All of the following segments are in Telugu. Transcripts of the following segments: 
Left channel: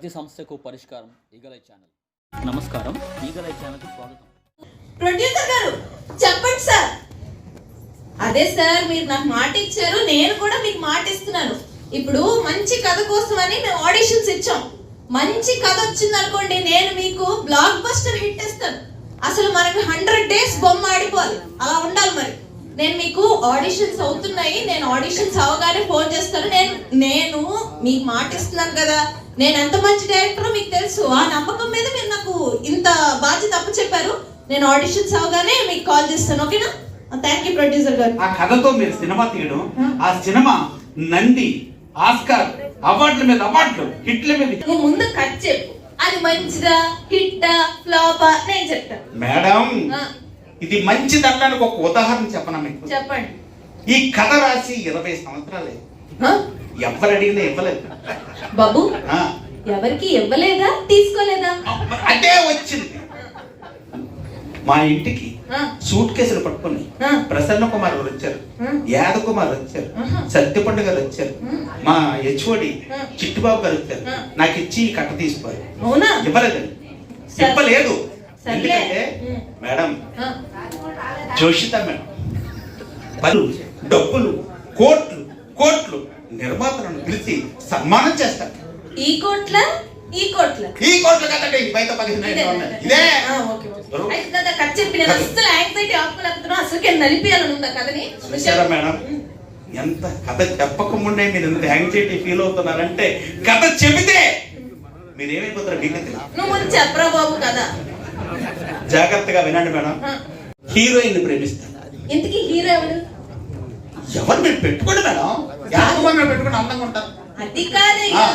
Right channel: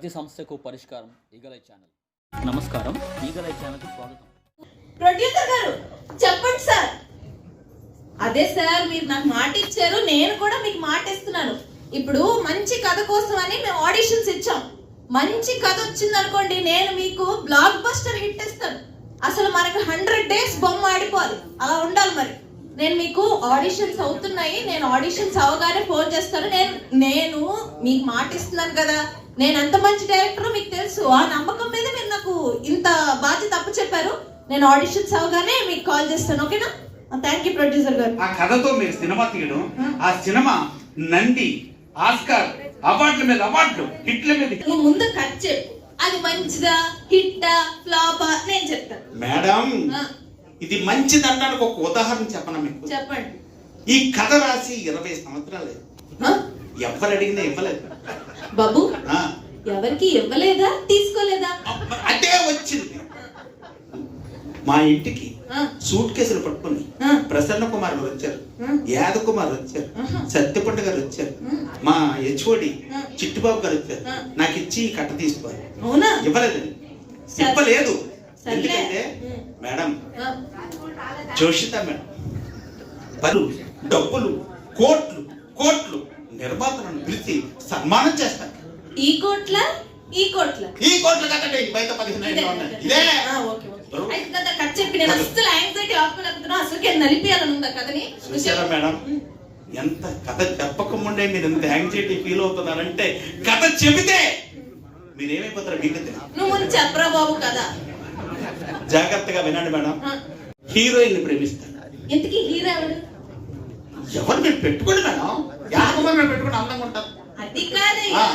ప్రతి సమస్యకు పరిష్కారం ఈగలై ఛానల్. నమస్కారం, ఈగలై ఛానల్కి స్వాగతం. ప్రొడ్యూసర్ గారు చెప్పండి సార్. అదే సార్, మీరు నాకు మాట ఇచ్చారు, నేను కూడా మీకు మాట ఇస్తున్నాను. ఇప్పుడు మంచి కథ కోసం అని మేము ఆడిషన్స్ ఇచ్చాం. మంచి కథ వచ్చింది అనుకోండి, నేను మీకు బ్లాక్ బస్టర్ హిట్ ఇస్తాను. అసలు మనకి 100 days బొమ్మ ఆడిపోవాలి, అలా ఉండాలి. మరి నేను మీకు ఆడిషన్స్ అవుతున్నాయి, నేను ఆడిషన్స్ అవగానే ఫోన్ చేస్తాను. నేను మీకు మాట ఇస్తున్నాను కదా, నేను ఎంత మంచి డైరెక్టర్ మీకు తెలుసు. ఆ నమ్మకం మీద మీరు నాకు ఇంత బాధ్యత అప్పు చెప్పారు. నేను ఆడిషన్స్ అవగానే మీకు కాల్ చేస్తాను, ఓకేనా? థ్యాంక్ యూ ప్రొడ్యూసర్ గారు. ఆ కథతో మీరు సినిమా తీయడం, ఆ సినిమా నంది, ఆస్కార్ అవార్డుల మీద అవార్డులు, హిట్ల మీద. నువ్వు ముందు కట్ చెప్పు, అది మంచిదా హిట్టా ఫ్లాపా నేను చెప్తాను. మేడం, ఇది మంచిదనడానికి ఒక ఉదాహరణ చెప్పనా మీకు? చెప్పండి. ఈ కథ రాసి 20 సంవత్సరాలే, ఎవరు అడిగినా ఇవ్వలేదు బాబు. ఎవరికి ఇవ్వలేదా, తీసుకోలేదా? అదే వచ్చింది. మా ఇంటికి సూట్ కేసులు పట్టుకుని ప్రసన్న కుమార్ గారు వచ్చారు, యాద కుమార్ వచ్చారు, సత్యపండు గారు వచ్చారు, మా హెచ్ఓడి చిట్టుబాబు గారు వచ్చారు. నాకు ఇచ్చి కట్ట తీసుకోవాలి. ఇవ్వలేదండి, ఇవ్వలేదు. ఎందుకంటే మేడం, జోషిత మేడం పలు డబ్బులు కోట్లు కోట్లు నిర్మాతలను పిలిచి సన్మానం చేస్తారు. ఈ కోట్ల కదండి, బయట 15 ఇదే. చూసారా మేడం, ఎంత కథ చెప్పకముందే మీరు ఎంత యాంగ్జైటీ ఫీల్ అవుతున్నారంటే, కథ చెబితే మీరేమైపోతారు మీకు చెప్పరా బాబు కదా. జాగ్రత్తగా వినండి మేడం. హీరోయిన్ ప్రేమిస్తారు. ఇంతకీ హీరో ఎవరు? ఎవరు మీరు పెట్టుకోండి మేడం, యాదకుమార్ పెట్టుకుని అందంగా ఉంటారు. అది కాదయ్యా,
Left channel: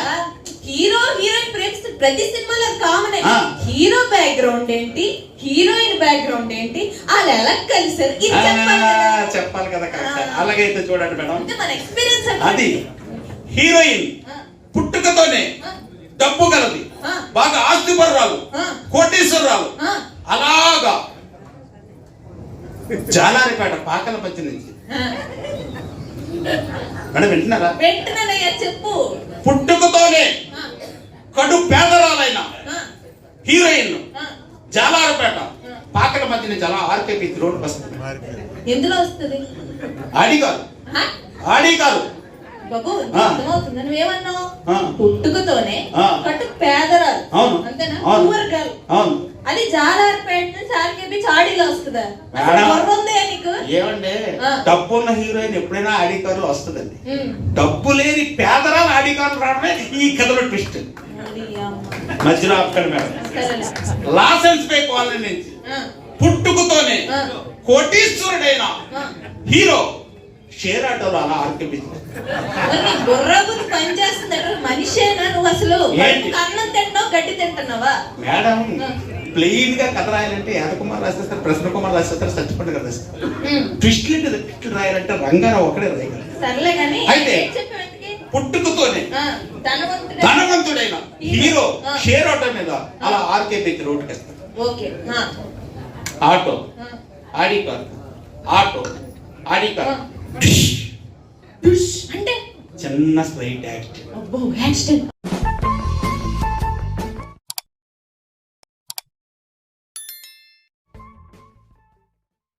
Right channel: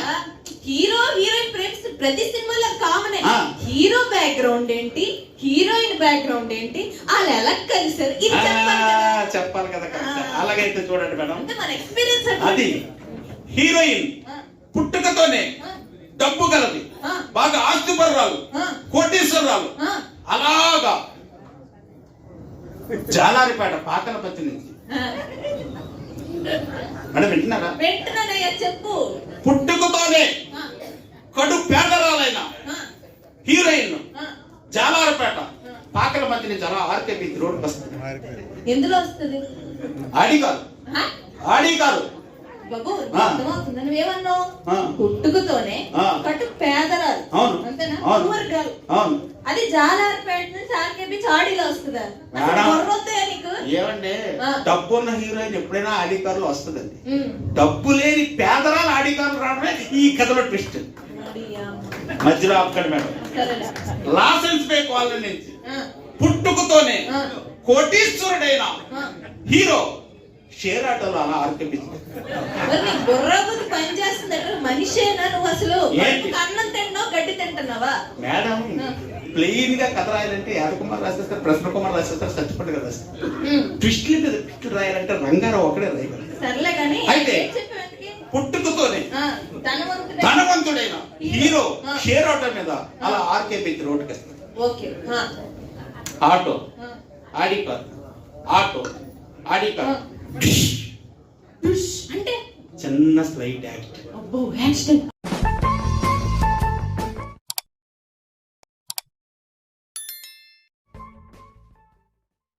హీరో హీరోయిన్ ప్రేమిస్తే ప్రతి సినిమాలో కామన్. హీరో బ్యాక్గ్రౌండ్ ఏంటి, హీరోయిన్ బ్యాక్గ్రౌండ్ ఏంటి, వాళ్ళు ఎలా కలిసారు చెప్పాలి కదా. అలాగైతే చూడండి మేడం, మన ఎక్స్పీరియన్స్ అది హీరోయిన్ పుట్టుకతోనే డబ్బు గలది, బాగా ఆస్తిపరురాలు, కోటీశ్వరరాలు. అలాగా జాలారిపేట పాకల పచ్చి నుంచి మేడం వింటున్నారా? చెప్పు. పుట్టుకతోనే కడు పేదరాలైన హీరోయిన్ జాలారిపేట పాకల మధ్య నుంచి అలా ఆర్కేపీ రోడ్డు వస్తుంది. ఎందులో వస్తుంది? ఆడిగారు బాబు, అర్థమవుతుందా నువ్వేమన్నావు? పుట్టుకతోనే కట్టు పేదరాలు, అంతేనా? అది జాలారిపేట నుంచి ఆర్కేపీ ఆడిలో వస్తుందా? నీకు ఏమండి, డబ్బు ఉన్న హీరోయిన్ ఎప్పుడైనా ఆడికారులు వస్తుందండి. డబ్బు లేని పేదరాలు ఆడికారులు రావడమే ఈ కథలో ట్విస్ట్. మధ్యలో ఆపుతాడు మేడం. లాసెన్స్ పే కాలనీ నుంచి పుట్టుకతోనే కోటీశ్వరుడైన హీరో షేర్ ఆటోలో అలా ఆర్కేపించారు. మనిషేనా నువ్వు? అసలు అన్నం తింటున్నావు, గడ్డి తింటున్నావా? మేడం, ప్లెయిన్ గా కథ రాయాలంటే యాదకుమార్ రాసేస్తారు, ప్రసన్న కుమార్ రాసేస్తారు, సత్యపండు గారు రాస్తారు. ట్విస్ట్లు రాయాలంటే రంగారావు ఒకడే రాయగలరు. అయితే పుట్టుకతోనే ధనవంతుడైన హీరో షేర్ ఆటో మీద అలా ఆర్కేపీకి రోడ్డుకి వస్తారు. Auto Audi car, auto Audi car, అంటే చిన్న స్లైట్ యాక్సిడెంట్.